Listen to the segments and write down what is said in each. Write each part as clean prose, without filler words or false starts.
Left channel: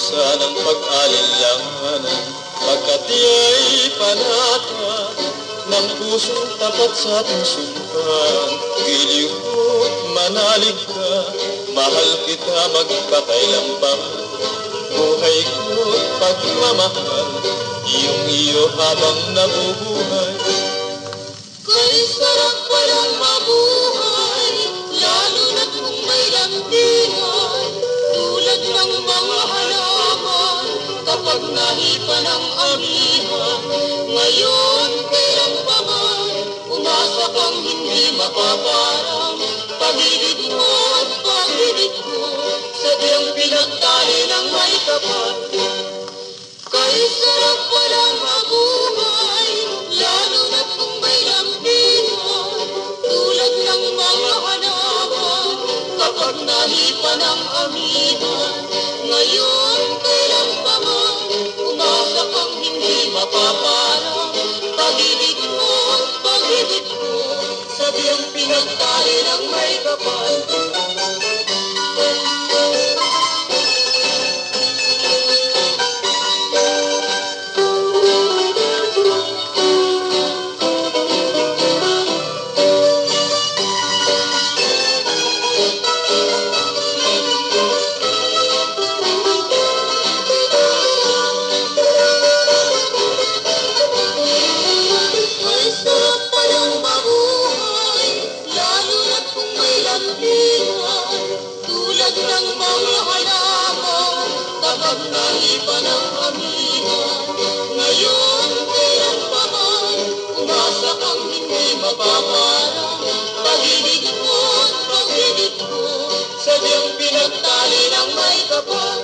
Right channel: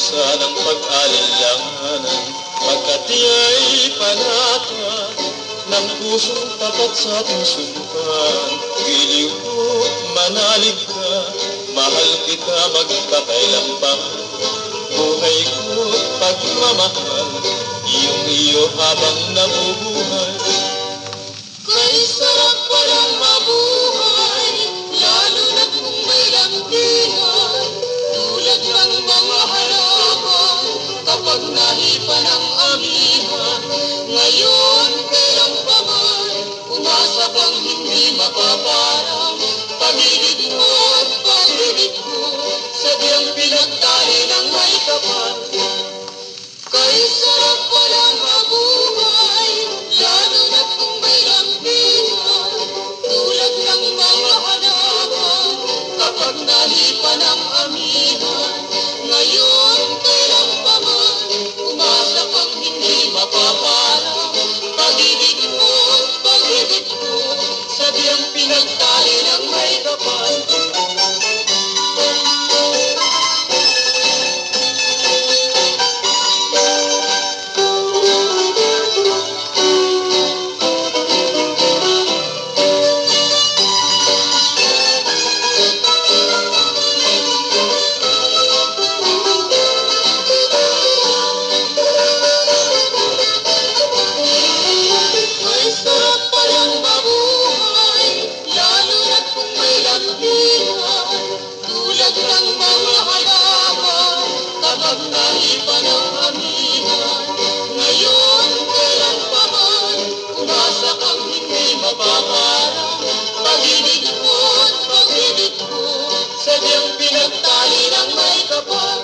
parusa ng pag-alinlanganan, pagkat iya'y panata ng pusong tapat sa ating sumpan. Giliw ko, manalig ka, mahal kita magpakailanman. Buhay ko, pagmamahal, iyong iyo habang nabubuhay. Kay sarap palang mabuhay, lalo na kung may lambingan, tulad ng mga halaman, kapag nahipa ng amihan. Ngayon, kailan pa man, umasa kang hindi mapaparang, pag-ibig mo at pag-ibig ko, sadyang pinagtali ng may kapal. Kay sarap palang mabuhay, lalo na kung may lambingan, tulad ng mga hanapan, kapag nahipa ng amihan. Ngayon, kailan pa man, umasa kang hindi mapaparang, pag-ibig mo, pag-ibig ko, sadyang pinagtali ng may kapal. Tulad ng mga halaman, kapag nahipa ng amihan. Ngayon, kailan pa man, umasa kang hindi mapaparang, pag-ibig mo at pag-ibig ko, sadyang pinagtali ng may kapal.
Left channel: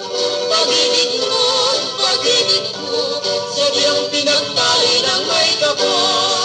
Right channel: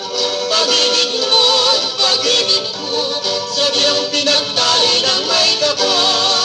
Pag-ibig mo at pag-ibig ko, sadyang pinagtali ng may kapal.